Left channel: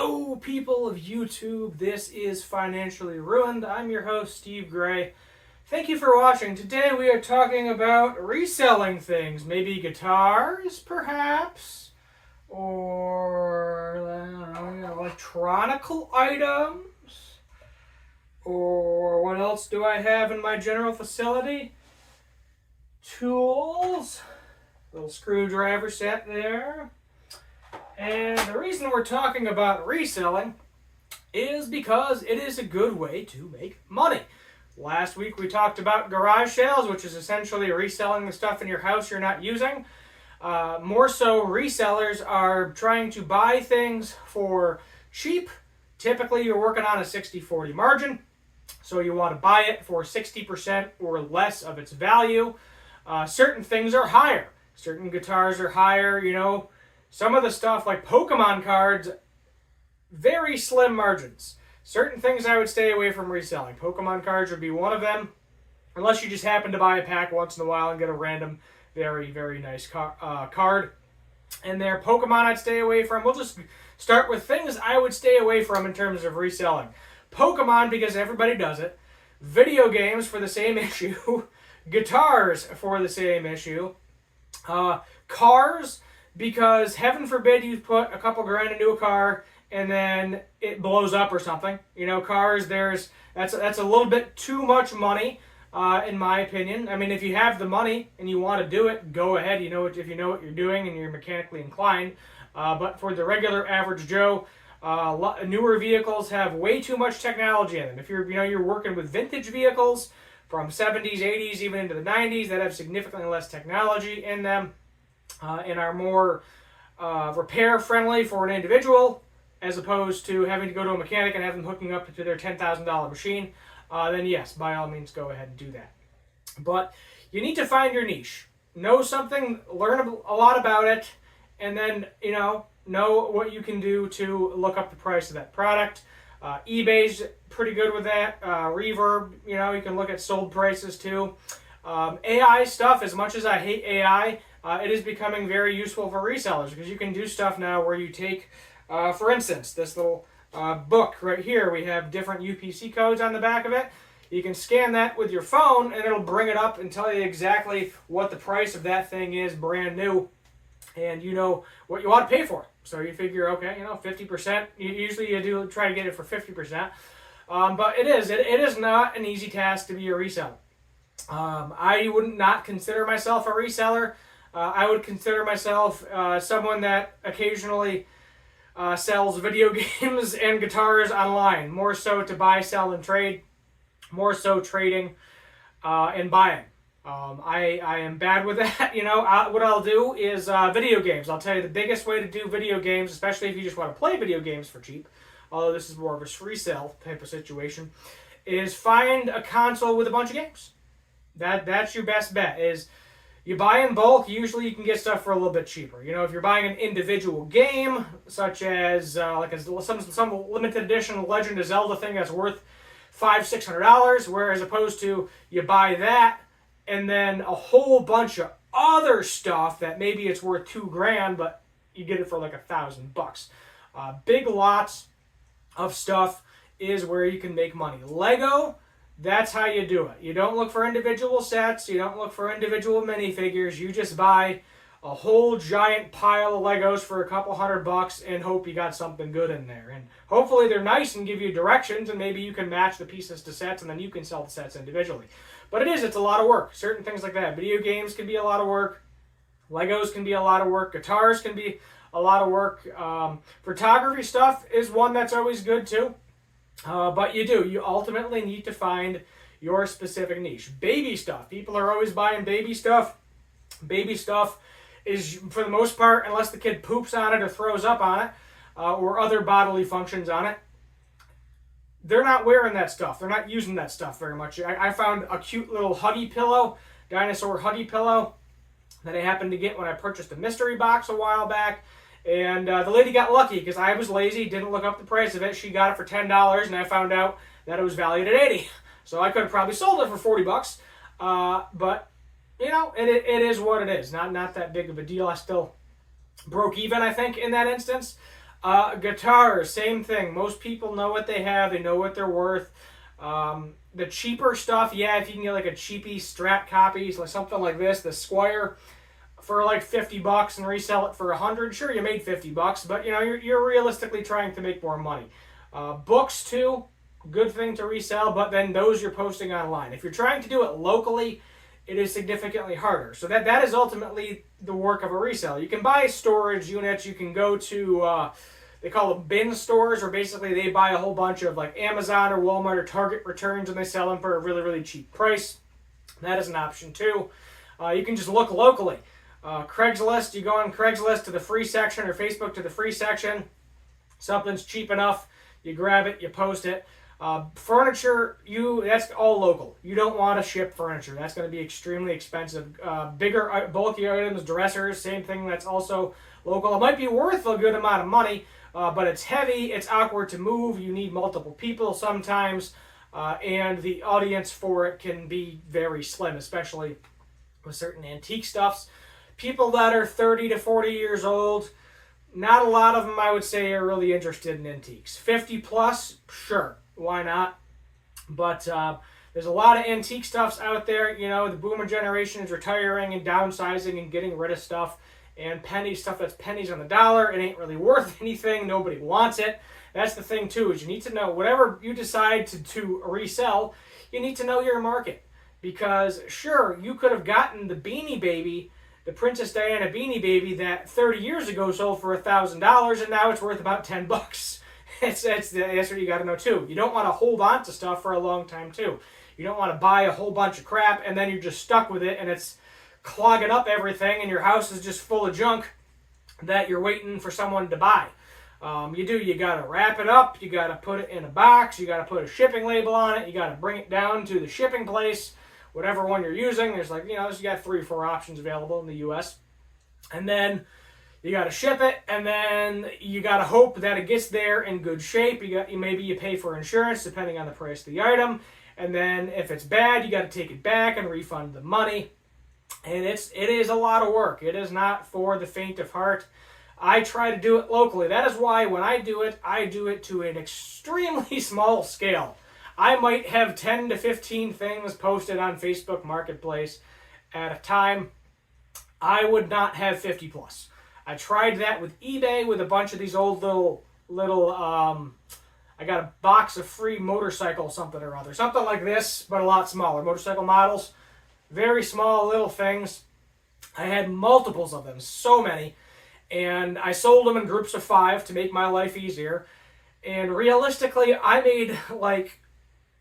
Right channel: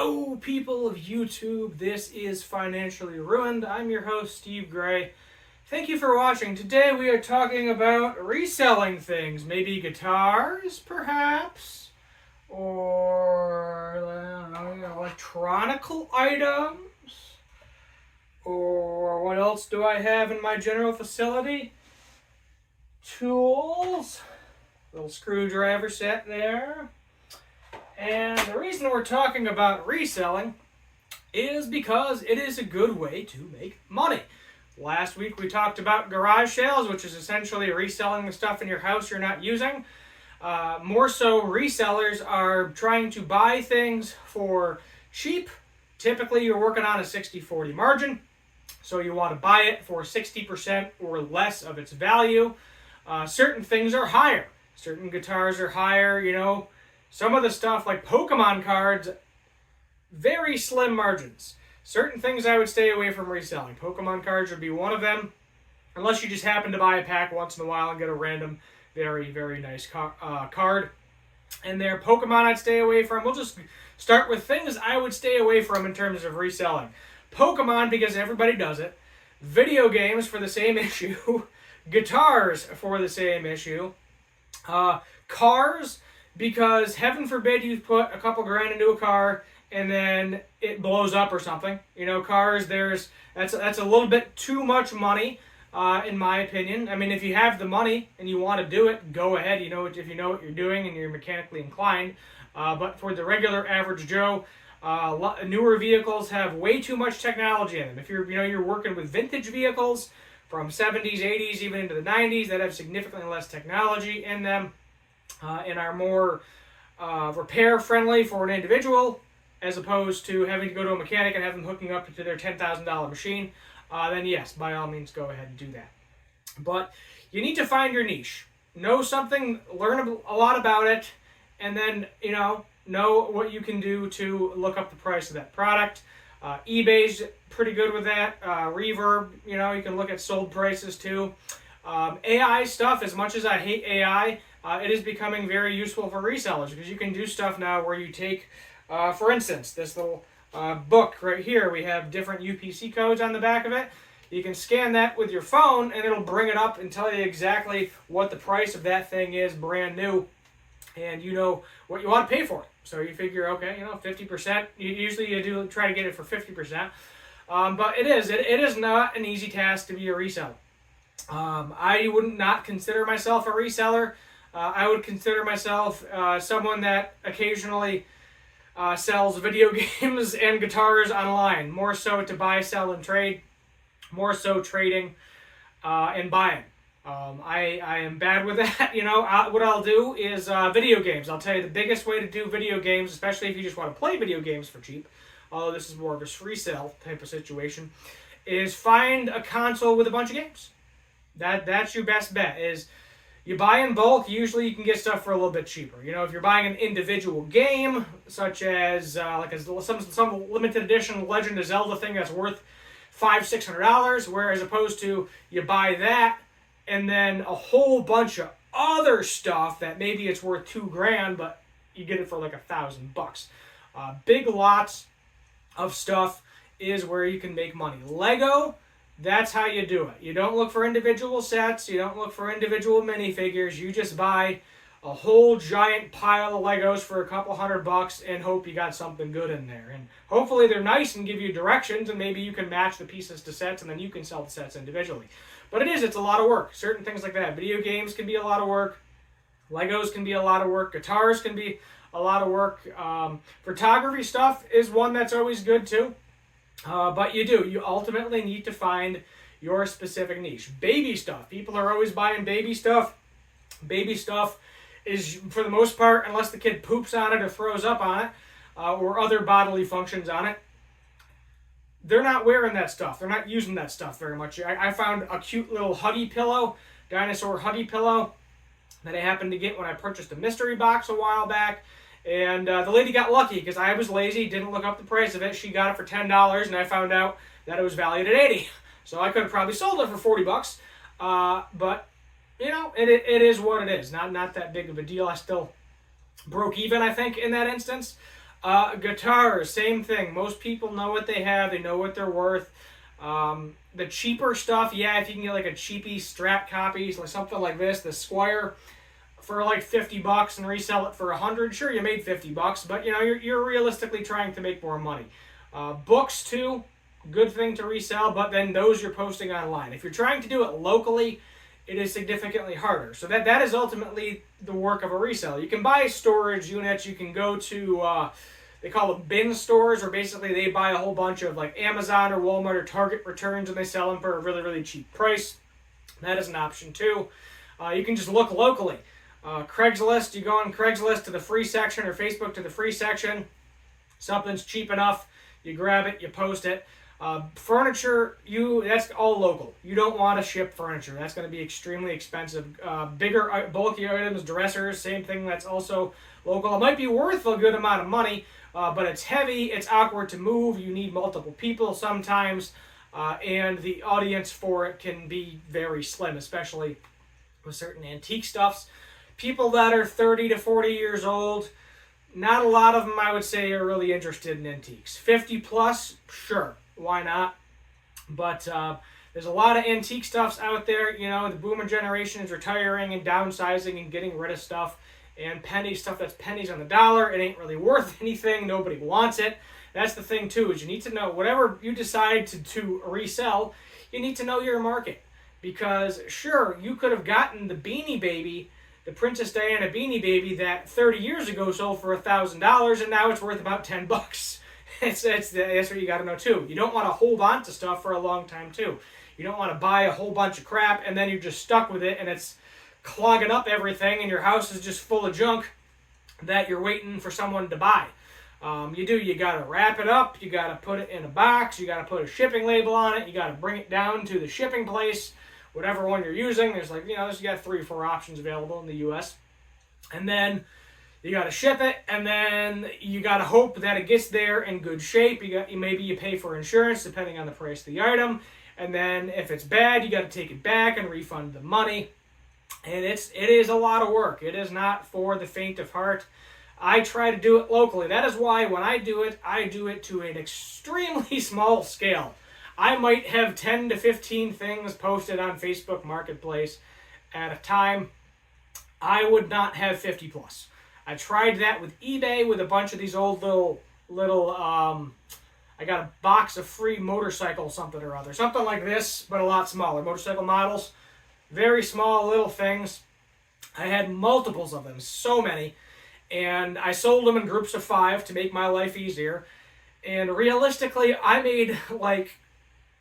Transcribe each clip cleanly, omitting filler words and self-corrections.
Hello, people of YouTube. This is Financially Ruined. I'm your host, Steve Gray. Thank you for watching. Today we are talking about reselling things. Maybe guitars, perhaps? Or, I don't know, electronical items? Or what else do I have in my general facility? Tools. Little screwdriver set there. And the reason we're talking about reselling is because it is a good way to make money. Last week we talked about garage sales, which is essentially reselling the stuff in your house you're not using. More so, resellers are trying to buy things for cheap. Typically, you're working on a 60-40 margin, so you want to buy it for 60% or less of its value. Certain things are higher. Certain guitars are higher, Some of the stuff like Pokemon cards, very slim margins. Certain things I would stay away from reselling. Pokemon cards would be one of them, unless you just happen to buy a pack once in a while and get a random, very, very nice card. And there, Pokemon I'd stay away from. We'll just start with things I would stay away from in terms of reselling. Pokemon, because everybody does it. Video games for the same issue. Guitars for the same issue. Cars, because heaven forbid you put a couple grand into a car and then it blows up or something. Cars, that's a little bit too much money, in my opinion. I mean, if you have the money and you want to do it, go ahead. If you know what you're doing and you're mechanically inclined. But for the regular average Joe, newer vehicles have way too much technology in them. If you're working with vintage vehicles from 70s, 80s, even into the 90s that have significantly less technology in them, and are more repair friendly for an individual, as opposed to having to go to a mechanic and have them hooking up to their $10,000 machine, then yes, by all means, go ahead and do that. But you need to find your niche. Know something, learn a lot about it, and then, know what you can do to look up the price of that product. eBay's pretty good with that. Reverb, you can look at sold prices too. AI stuff, as much as I hate AI, it is becoming very useful for resellers because you can do stuff now where you take, for instance, this little book right here. We have different UPC codes on the back of it. You can scan that with your phone and it'll bring it up and tell you exactly what the price of that thing is brand new, and you know what you want to pay for it. So you figure, okay, 50%. Usually you do try to get it for 50%. But it is not an easy task to be a reseller. I would not consider myself a reseller. I would consider myself someone that occasionally sells video games and guitars online. More so to buy, sell, and trade. More so trading and buying. I am bad with that. What I'll do is video games. I'll tell you the biggest way to do video games, especially if you just want to play video games for cheap, although this is more of a resale type of situation, is find a console with a bunch of games. That's your best bet. Is you buy in bulk, usually you can get stuff for a little bit cheaper. If you're buying an individual game, such as some limited edition Legend of Zelda thing that's worth $500-$600, whereas opposed to you buy that and then a whole bunch of other stuff that maybe it's worth $2,000, but you get it for like $1,000. Big lots of stuff is where you can make money. Lego, that's how you do it. You don't look for individual sets. You don't look for individual minifigures. You just buy a whole giant pile of Legos for a couple $100 and hope you got something good in there. And hopefully they're nice and give you directions, and maybe you can match the pieces to sets, and then you can sell the sets individually. But it's a lot of work. Certain things like that. Video games can be a lot of work. Legos can be a lot of work. Guitars can be a lot of work. Photography stuff is one that's always good too. But you ultimately need to find your specific niche. Baby stuff. People are always buying baby stuff. Baby stuff is, for the most part, unless the kid poops on it or throws up on it, or other bodily functions on it, they're not wearing that stuff. They're not using that stuff very much. I found a cute little Huggy pillow, dinosaur Huggy pillow, that I happened to get when I purchased a mystery box a while back. And the lady got lucky because I was lazy, didn't look up the price of it. She got it for $10, and I found out that it was valued at $80. So I could have probably sold it for $40. But it is what it is. Not that big of a deal. I still broke even, I think, in that instance. Guitars, same thing. Most people know what they have. They know what they're worth. The cheaper stuff, yeah, if you can get like a cheapy Strat copy, like something like this, the Squire, for like $50 and resell it for $100, sure, you made $50, but you know, you're realistically trying to make more money. Books too, good thing to resell, but then those you're posting online. If you're trying to do it locally, it is significantly harder. So that is ultimately the work of a reseller. You can buy storage units. You can go to they call them bin stores, where basically they buy a whole bunch of like Amazon or Walmart or Target returns and they sell them for a really, really cheap price. That is an option too. You can just look locally. Craigslist, you go on Craigslist to the free section or Facebook to the free section. Something's cheap enough, you grab it, you post it. Furniture, that's all local. You don't want to ship furniture. That's going to be extremely expensive. Bigger, bulky items, dressers, same thing. That's also local. It might be worth a good amount of money, but it's heavy. It's awkward to move. You need multiple people sometimes, and the audience for it can be very slim, especially with certain antique stuffs. People that are 30 to 40 years old, not a lot of them, I would say, are really interested in antiques. 50 plus, sure. Why not? But there's a lot of antique stuffs out there. You know, the boomer generation is retiring and downsizing and getting rid of stuff. And stuff that's pennies on the dollar. It ain't really worth anything. Nobody wants it. That's the thing, too, is you need to know, whatever you decide to resell, you need to know your market. Because, sure, you could have gotten the Beanie Baby, the Princess Diana Beanie Baby, that 30 years ago sold for $1,000, and now it's worth about $10. That's what you got to know too. You don't want to hold on to stuff for a long time too. You don't want to buy a whole bunch of crap and then you're just stuck with it and it's clogging up everything and your house is just full of junk that you're waiting for someone to buy. You got to wrap it up. You got to put it in a box. You got to put a shipping label on it. You got to bring it down to the shipping place, whatever one you're using. There's you got 3 or 4 options available in the U.S. And then you got to ship it, and then you got to hope that it gets there in good shape. Maybe you pay for insurance depending on the price of the item, and then if it's bad, you got to take it back and refund the money. And it is a lot of work. It is not for the faint of heart. I try to do it locally. That is why when I do it to an extremely small scale. I might have 10 to 15 things posted on Facebook Marketplace at a time. I would not have 50 plus. I tried that with eBay with a bunch of these old little I got a box of free motorcycle something or other. Something like this, but a lot smaller. Motorcycle models. Very small little things. I had multiples of them, so many. And I sold them in groups of 5 to make my life easier. And realistically, I made like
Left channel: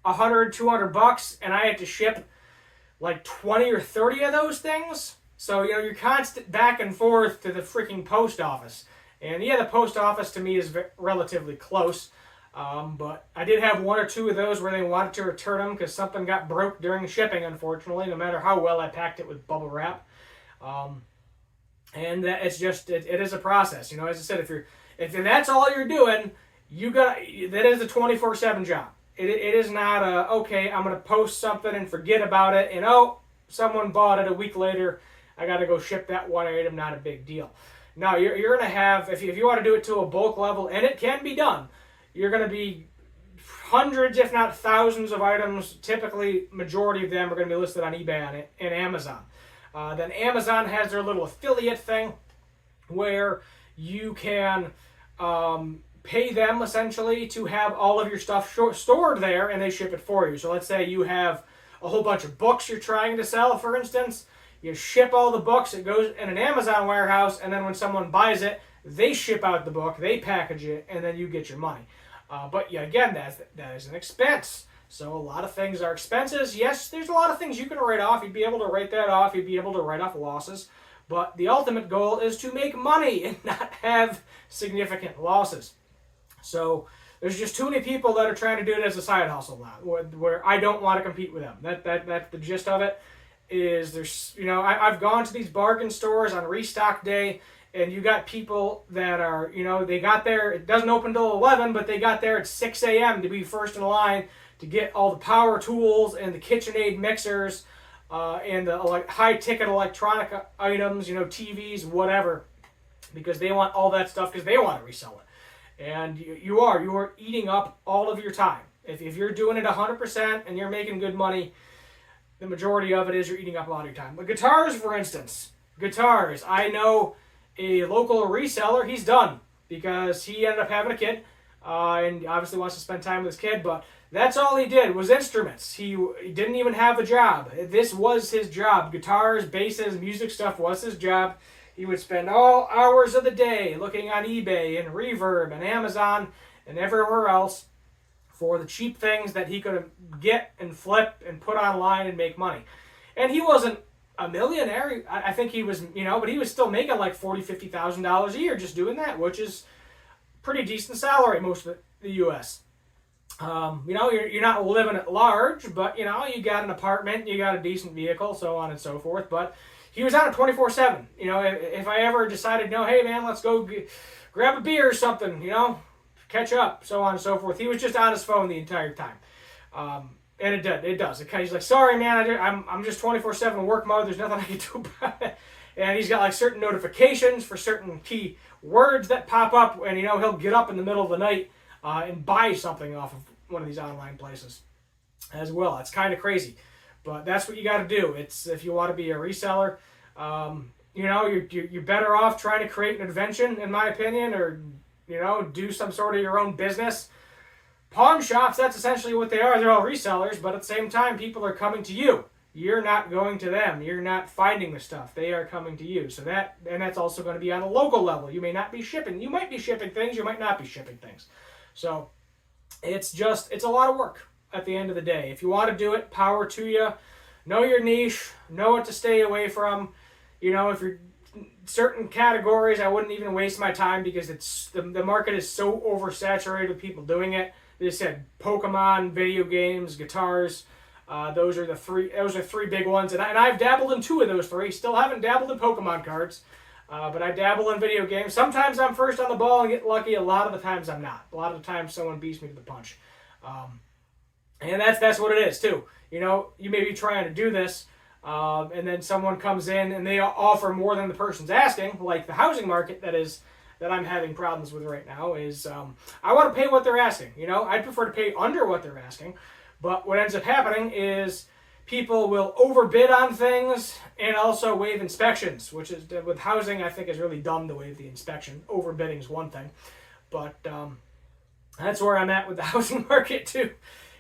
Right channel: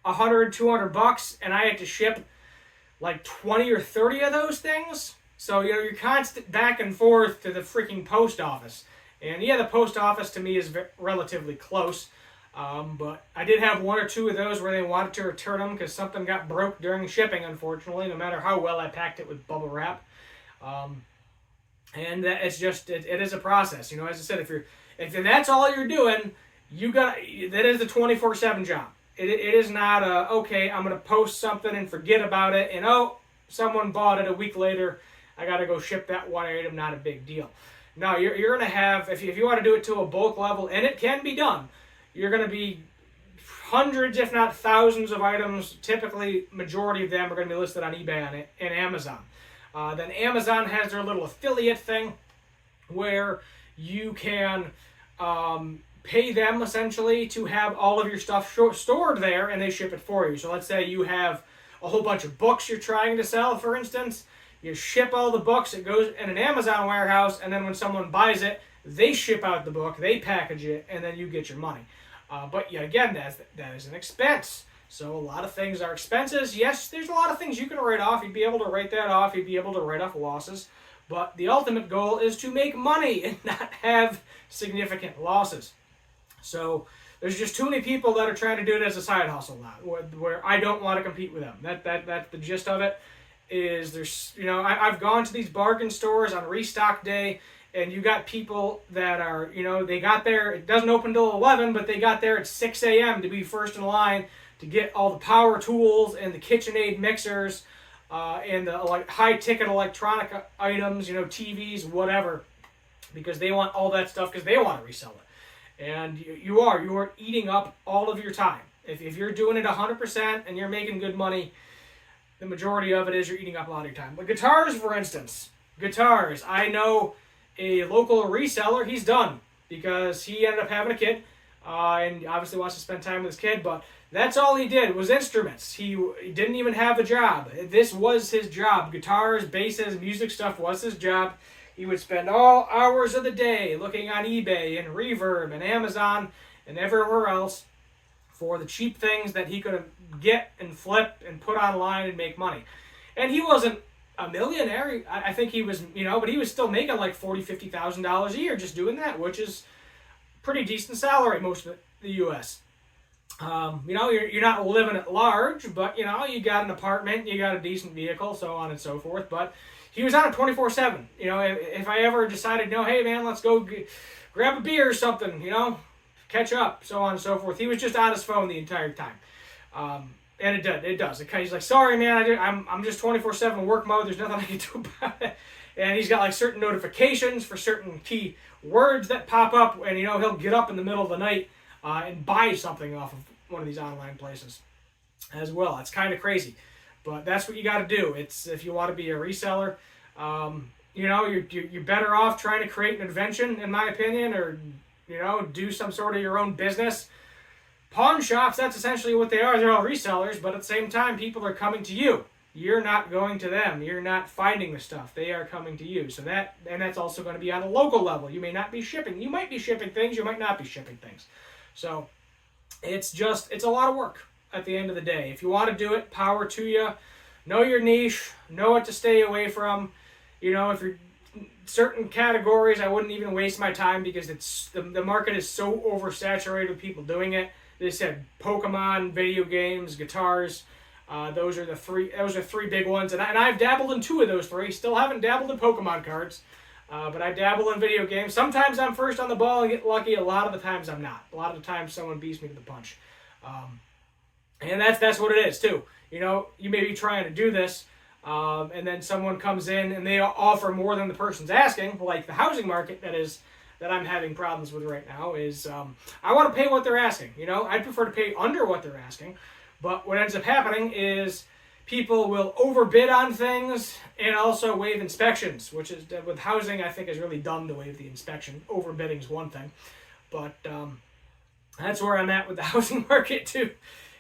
$100, $200, and I had to ship like 20 or 30 of those things. So, you're constant back and forth to the freaking post office. And yeah, the post office to me is relatively close. But I did have 1 or 2 of those where they wanted to return them because something got broke during shipping, unfortunately, no matter how well I packed it with bubble wrap. And it's just, it is a process. As I said, if that's all you're doing, that is a 24/7 job. It is not okay, I'm going to post something and forget about it, and someone bought it a week later, I got to go ship that one item, not a big deal. Now, you're going to have, if you want to do it to a bulk level, and it can be done, you're going to be hundreds, if not thousands of items. Typically, majority of them are going to be listed on eBay and Amazon. Then Amazon has their little affiliate thing where you can pay them essentially to have all of your stuff stored there and they ship it for you. So let's say you have a whole bunch of books you're trying to sell, for instance. You ship all the books, it goes in an Amazon warehouse, and then when someone buys it, they ship out the book, they package it, and then you get your money. But yeah, again, that is an expense. So a lot of things are expenses. Yes, there's a lot of things you can write off. You'd be able to write that off. You'd be able to write off losses. But the ultimate goal is to make money and not have significant losses. So there's just too many people that are trying to do it as a side hustle now, where I don't want to compete with them. That's the gist of it. I've gone to these bargain stores on restock day, and you got people that are, they got there, it doesn't open till 11, but they got there at 6 a.m. to be first in line to get all the power tools and the KitchenAid mixers and the high-ticket electronic items, TVs, whatever, because they want all that stuff because they want to resell it. And you are eating up all of your time. If you're doing it 100% and you're making good money, the majority of it is you're eating up a lot of your time. But guitars, for instance, guitars. I know a local reseller, he's done because he ended up having a kid and obviously wants to spend time with his kid, but that's all he did was instruments. He didn't even have a job. This was his job. Guitars, basses, music stuff was his job. He would spend all hours of the day looking on eBay and Reverb and Amazon and everywhere else for the cheap things that he could get and flip and put online and make money. And he wasn't a millionaire. I think he was, but he was still making like $40,000, $50,000 a year just doing that, which is pretty decent salary most of the U.S. You're not living at large, but you got an apartment, you got a decent vehicle, so on and so forth. But he was on it 24/7. If I ever decided, hey man, let's go grab a beer or something, catch up, so on and so forth. He was just on his phone the entire time. And it does. He's like, sorry man, I'm just 24/7 work mode. There's nothing I can do about it. And he's got like certain notifications for certain key words that pop up, and he'll get up in the middle of the night and buy something off of one of these online places as well. It's kind of crazy, but that's what you got to do. It's if you want to be a reseller, you're better off trying to create an invention, in my opinion, or do some sort of your own business. Pawn shops, that's essentially what they are. They're all resellers, but at the same time, people are coming to you. You're not going to them. You're not finding the stuff. They are coming to you. So that's also going to be on a local level. You may not be shipping. You might be shipping things. You might not be shipping things. So it's a lot of work at the end of the day. If you want to do it, power to you. Know your niche. Know what to stay away from. If you're certain categories, I wouldn't even waste my time because it's the market is so oversaturated with people doing it. They said Pokemon, video games, guitars. Those are three big ones, and I've dabbled in two of those three. Still haven't dabbled in Pokemon cards, but I dabble in video games. Sometimes I'm first on the ball and get lucky. A lot of the times I'm not. A lot of the times someone beats me to the punch, and that's what it is too. You may be trying to do this, and then someone comes in and they offer more than the person's asking, like the housing market that I'm having problems with right now is I want to pay what they're asking. I'd prefer to pay under what they're asking. But what ends up happening is people will overbid on things and also waive inspections, which is with housing, I think is really dumb to waive the inspection. Overbidding is one thing, but that's where I'm at with the housing market too.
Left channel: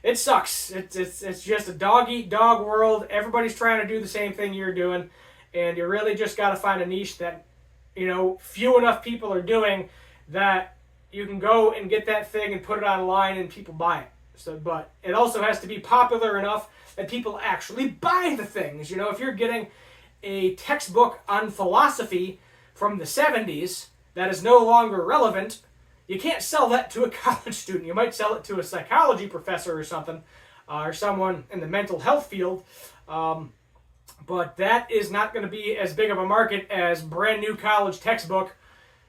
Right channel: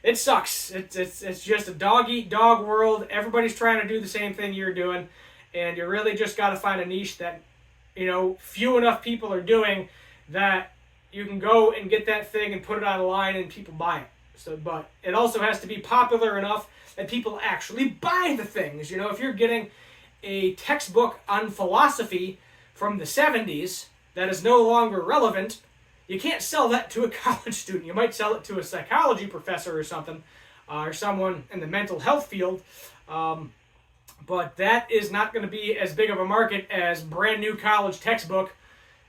It sucks. It's just a dog-eat-dog world. Everybody's trying to do the same thing you're doing, and you really just got to find a niche that few enough people are doing that you can go and get that thing and put it online and people buy it. But it also has to be popular enough that people actually buy the things. If you're getting a textbook on philosophy from the 70s that is no longer relevant, you can't sell that to a college student. You might sell it to a psychology professor or something, or someone in the mental health field. But that is not going to be as big of a market as brand new college textbook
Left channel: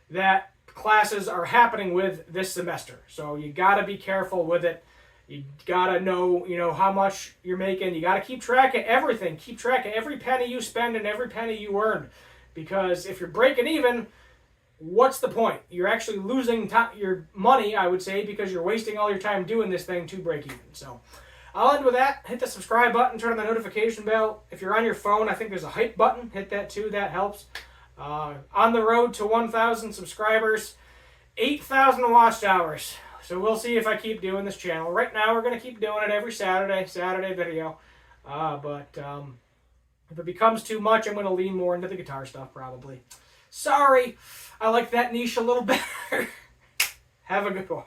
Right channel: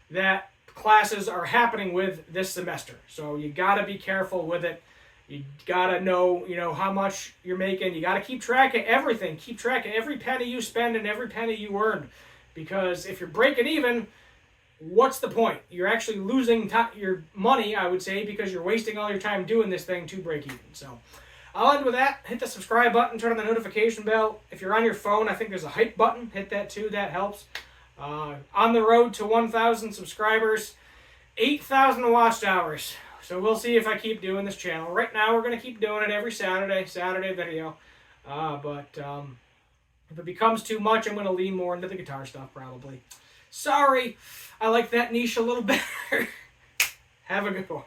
that classes are happening with this semester. So you got to be careful with it. You got to know, how much you're making. You got to keep track of everything. Keep track of every penny you spend and every penny you earn. Because if you're breaking even, what's the point? You're actually losing your money, I would say, because you're wasting all your time doing this thing to break even. So I'll end with that. Hit the subscribe button. Turn on the notification bell. If you're on your phone, I think there's a hype button. Hit that too. That helps. On the road to 1,000 subscribers, 8,000 watch hours. So we'll see if I keep doing this channel. Right now, we're going to keep doing it every Saturday video. But if it becomes too much, I'm going to lean more into the guitar stuff, probably. Sorry, I like that niche a little better. Have a good one.